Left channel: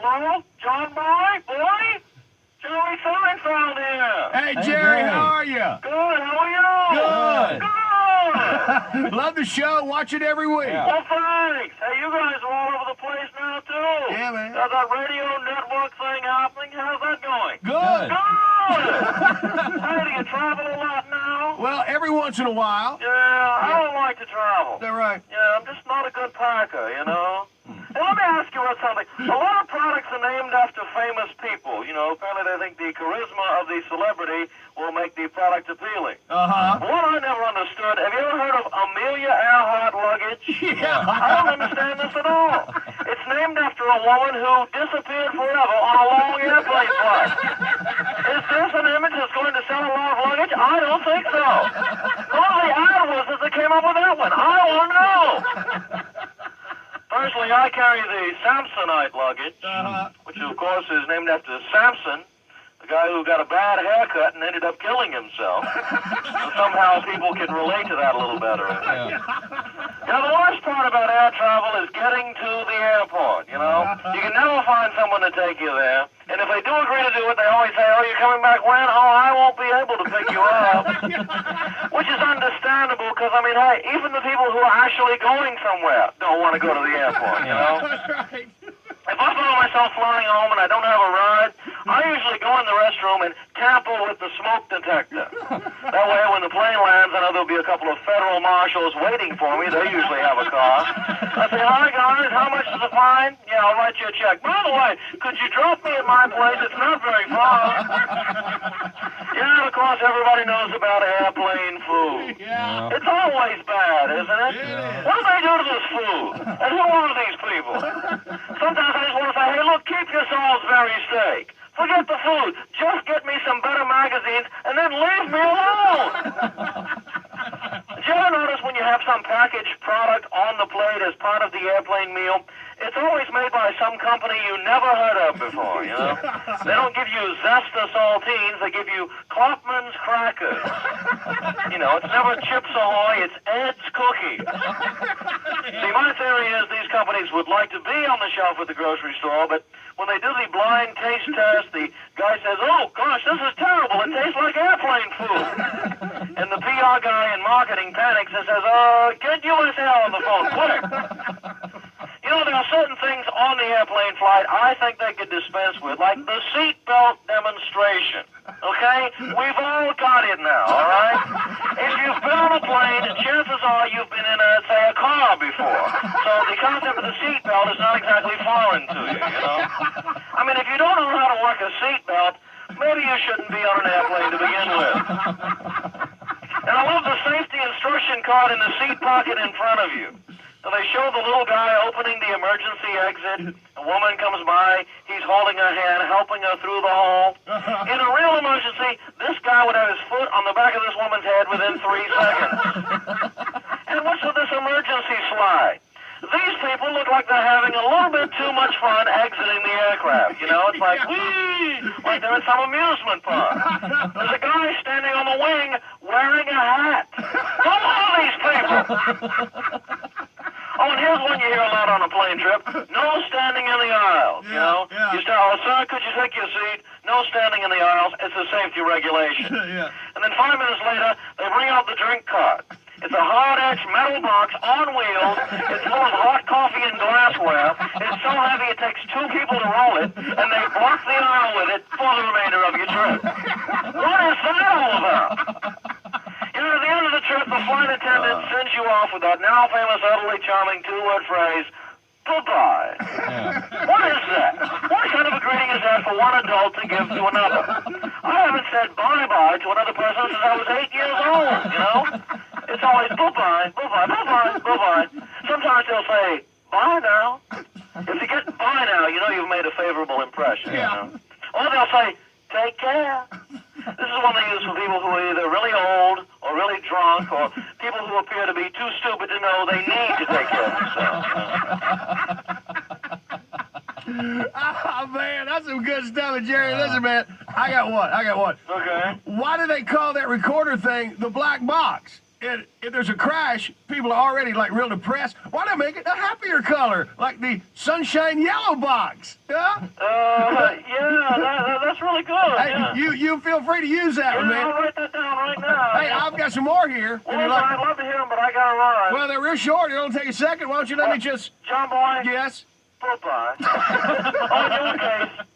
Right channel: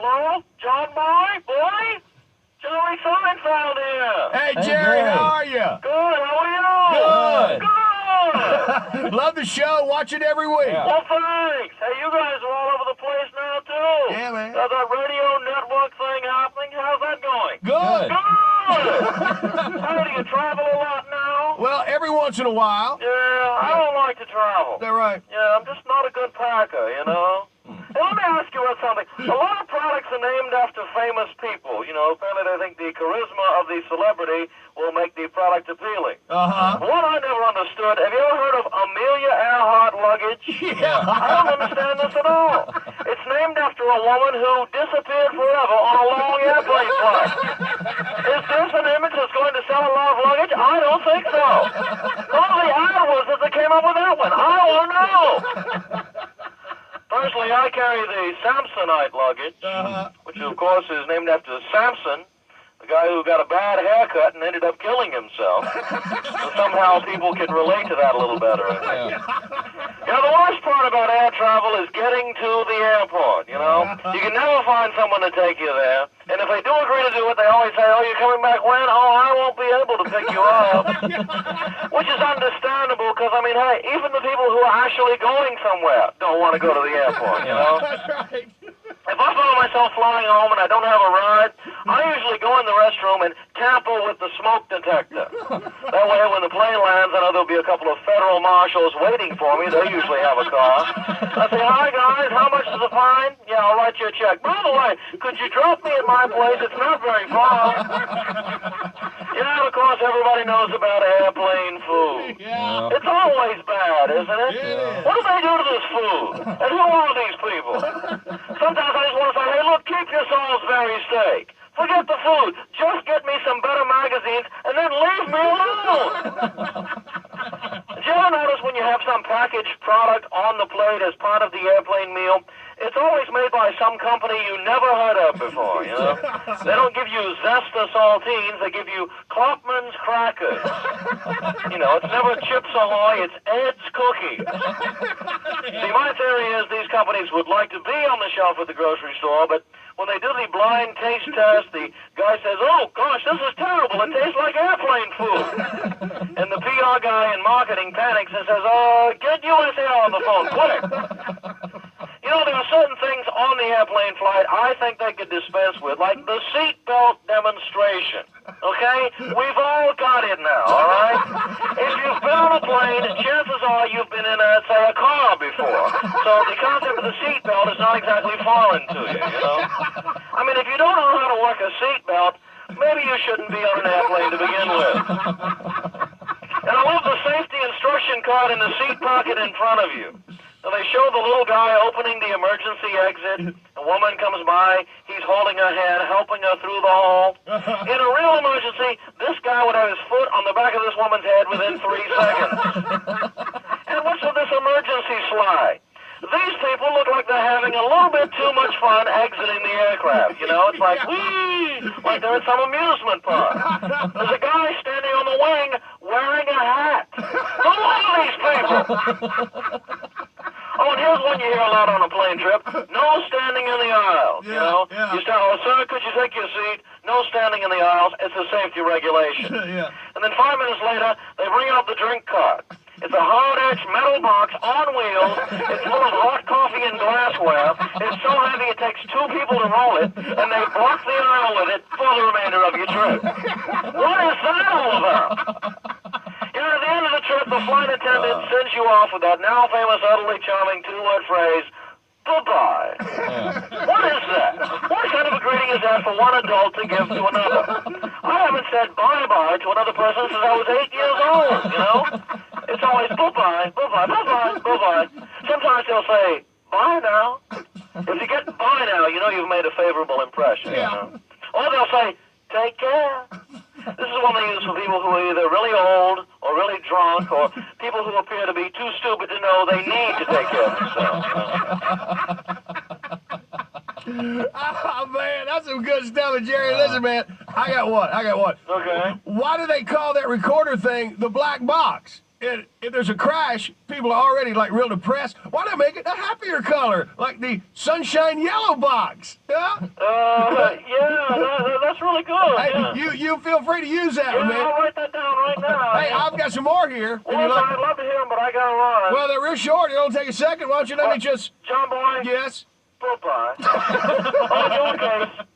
Hello? John Boy? Jerry Seinfeld here. Hey, Jerry, how are you? Good, how are you? Good. Good. Love the show. Watch it every week. Yeah. Well, thanks. Hey, you guys are all over the place now, too. Yeah, man. Got that radio network thing happening. How's that going? Good. Good. How do you travel a lot now? Well, every once in a while. Yeah, I don't like to travel. Is that right? Yeah, I'm just not a good packer, you know? Hey, let me ask you about something. A lot of products are named after famous people. You know, apparently they think the charisma of the celebrity will make the product appealing. Uh-huh. What I never understood, have you ever heard of Amelia Earhart luggage? Yeah. I don't understand this at all. It's named after a woman who disappeared forever on a long airplane flight. Is this an image that's going to sell a lot of luggage? I don't think so. Who the ad was that came up with that one? I don't know. Personally, I carry the Samsonite luggage, which of course is named after Samson, the guy who got a bad haircut and ended up killing himself. So somehow people can relate to that a little better, I think. You know, the worst part about air travel is getting to the airport, you know. You can never find someone to take you there. And if they do agree to do it, they always say, oh, you're coming back when? Oh, I won't be able to pick you up. Which is understandable because, I mean, hey, even the people who are actually going somewhere don't want to go to the airport, you know? That's right. If I find myself flying home and I don't have a ride, I usually go in the restroom and tamper with the smoke detector. That way, when the plane lands, I know there'll be a couple of federal marshals waiting for me. They usually have a car. I say, hi, guys, how much is the fine? Yeah, I'll write you a check. By the way, could you drop me at my place? It's not very far. Yeah, and of course, everybody knows about airplane food. Yeah. It's always bad, isn't it? Yeah. What do they do to this food? And who are these people? Sometimes I just want to say, hey, look, keep your Salisbury steak. Forget the food. Just get me some better magazines and then leave me alone. Did you ever notice when you have some packaged product on the plate as part of the airplane meal, it's always made by some company you never heard of before, you know? They don't give you Zesta saltines, they give you Kloppman's crackers. You know, it's never Chips Ahoy, it's Ed's cookies. See, my theory is these companies would like to be on the shelf at the grocery store, but when they do the blind taste test, the guy says, oh, gosh, this is terrible. It tastes like airplane food. And the PR guy in marketing panics and says, get USL on the phone, quick. You know, there are certain things on the airplane flight I think they could dispense with, like the seatbelt demonstration. Okay? We've all got it now, all right? If you've been on a plane, chances are you've been in, say, a car before. So the concept of the seatbelt is not exactly foreign to you, you know? I mean, if you don't know how to work a seatbelt, maybe you shouldn't be on an airplane to begin with. And I love the safety instruction card in the seat pocket in front of you. So they show the little guy opening the emergency exit. A woman comes by. He's holding her hand, helping her through the hall. In a real emergency, this guy would have his foot on the back of this woman's head within 3 seconds. And what's with this emergency slide? These people look like they're having a little bit too much fun exiting the aircraft. You know, it's like, whee, like they're at some amusement park. There's a guy standing on the wing wearing a hat. Who are these people? Oh, and here's one you hear a lot on a plane trip. No standing in the aisles, you know. Yeah. You start, oh, sir, could you take your seat? No standing in the aisles. It's a safety regulation. Yeah. And then 5 minutes later, they bring out the drink cart. It's a hard-edged metal box on wheels. It's full of hot coffee and glassware. It's so heavy it takes 2 people to roll it, and they block the aisle with it for the remainder of your trip. What is that all about? You know, at the end of the trip, the flight attendant sends you off with that now famous, utterly charming 2-word phrase, goodbye. What is that? What kind of a greeting is that for one adult to give to another? I haven't said bye-bye to another person since I was 8 years old, you know? It's always bye-bye, bye-bye, bye-bye, bye-bye. Sometimes they'll say, bye now. If you get bye now, you know you've made a favorable impression, you know? Or they'll say, take care. This is one they use for people who are either really old or really drunk or people who appear to be too stupid to know they need to take care of themselves. Oh, man, that's some good stuff, Jerry. Listen, man, I got one. Okay. Why do they call that recorder thing the black box? if there's a crash, people are already like real depressed. Why not make it a happier color, like the sunshine yellow box? Yeah. That's really good. Hey, Yeah. you feel free to use that one, Yeah, man. I'll write that down right now. Hey, I've got some more here. Well, I'd love to hear them, but I gotta run. Well, they're real short. It'll take a second. Why don't you let me just... John Boy? Yes? Goodbye. On your case.